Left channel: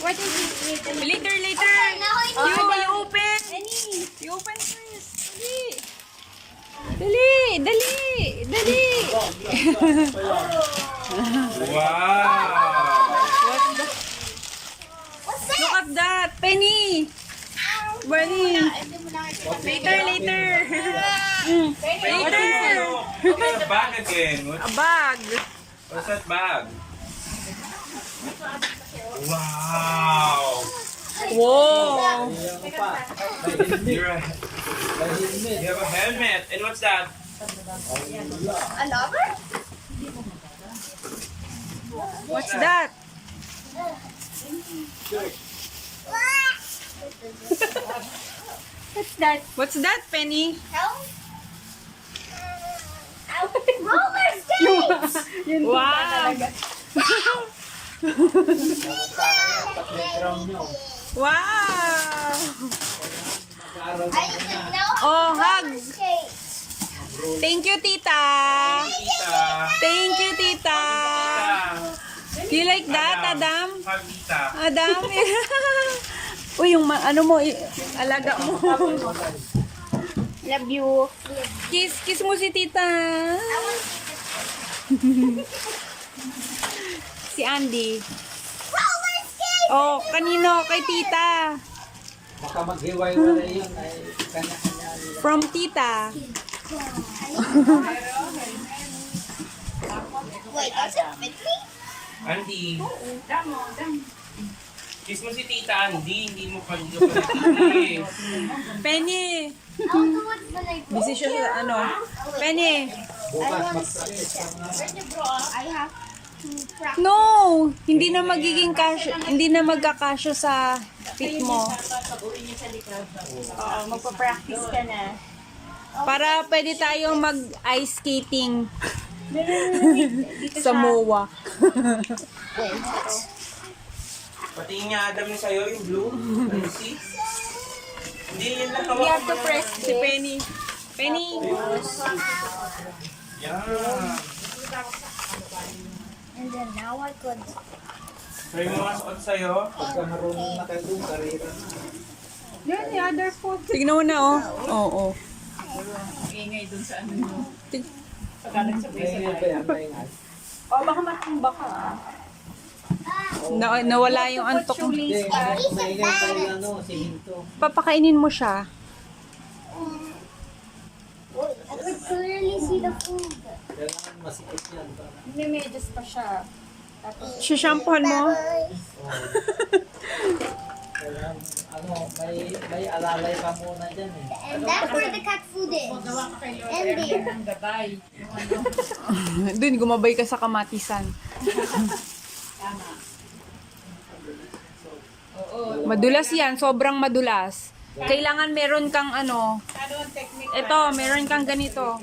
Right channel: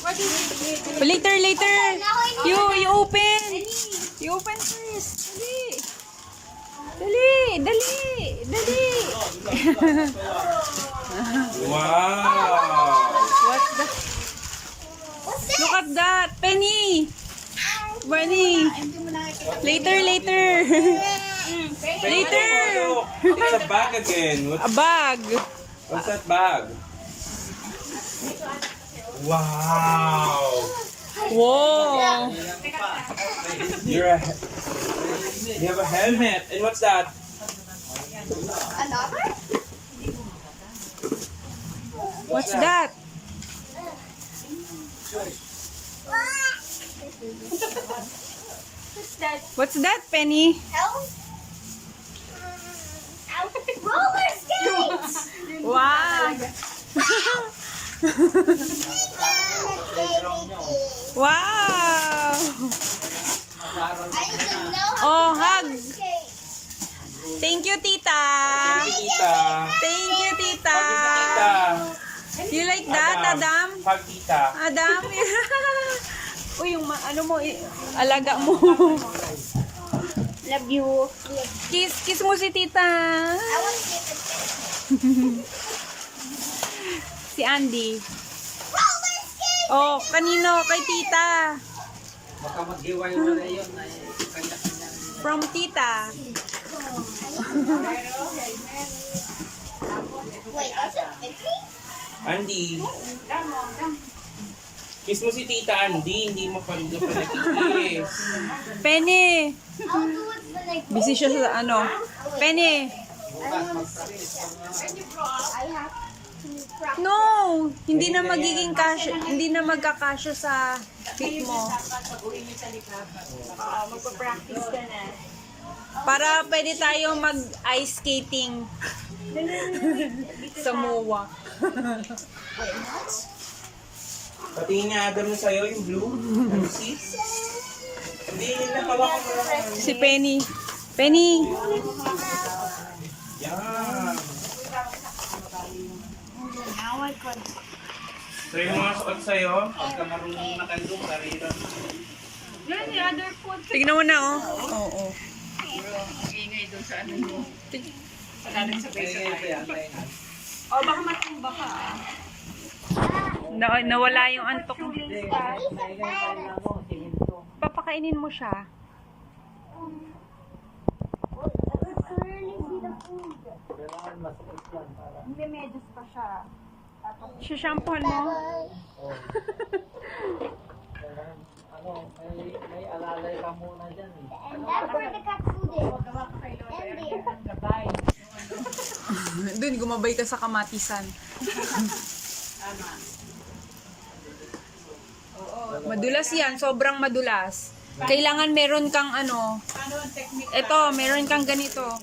What is it? Later, later. You open. You open first. Dali. Dali. Dali. Wow! What's that? Look at that. Penny. Bunny. Later, later. Later. What's a bag again? A bag. What's that bag? Wow! Whoa. You have a helmet. And what's that? A lover? What's that? What's that? What's that, Penny? Help? Roller skates! Wow. Wow. I didn't know Oh, how to hug. skate. Thank you, Tita. Tita. Thank you, Tita. Tita. You like that, Adam? Hug tita. Adam? Uy, yung ano mo, alaga mo. Love you. Kiss mo si Tita. I will keep it. Si Andy. Roller skate! Oh, kanino? Kay Tita. Baka maghiway-walay yun ay kanya-kanya. From Tita. Wait, does it fit me? Andy. Kiss mo si Tita Andy. Hindi mo pa kiss. Penny. I'll do it when I go. Busy siya sa ano. Penny. I have to practice. No, hindi na magiging kasya, hindi na magkakasya sa feet mo. Magpa-practice ka na. Para pwede tayo mag-ice skating sa MOA. Wait, what? Patingin niya Adam yung sa'yo, yung blue. Ano see? Hindi, yun lang hawak mo na. Si Penny. Penny. Yan. And then now I could. Try mo nga suot sa'yo. Pagka marunong na kayo doon, karira na. Tignan mo na, oh. Oo. Ingay dun sa ano mo. Tig- Kaya pa yan, kaya nga. O, baka matumba ka. nawala yung antok mo. Hindi, maingay pa yung ano, siminto. Papakainin mo siya. I could clearly see the food. Kailangan masikip yan para. May medyas pa siya. Sishampoohan mo. Kailangan, ano, may alalay ka muna dyan eh. And that's where the cat food is. And there. Ang gabay. Doon, gumabay ka sa kamatisan. Tama. Madulas yan, sobrang madulas. Kailangan meron kang ano. Ano ang technique? Ito, meron kang ganito.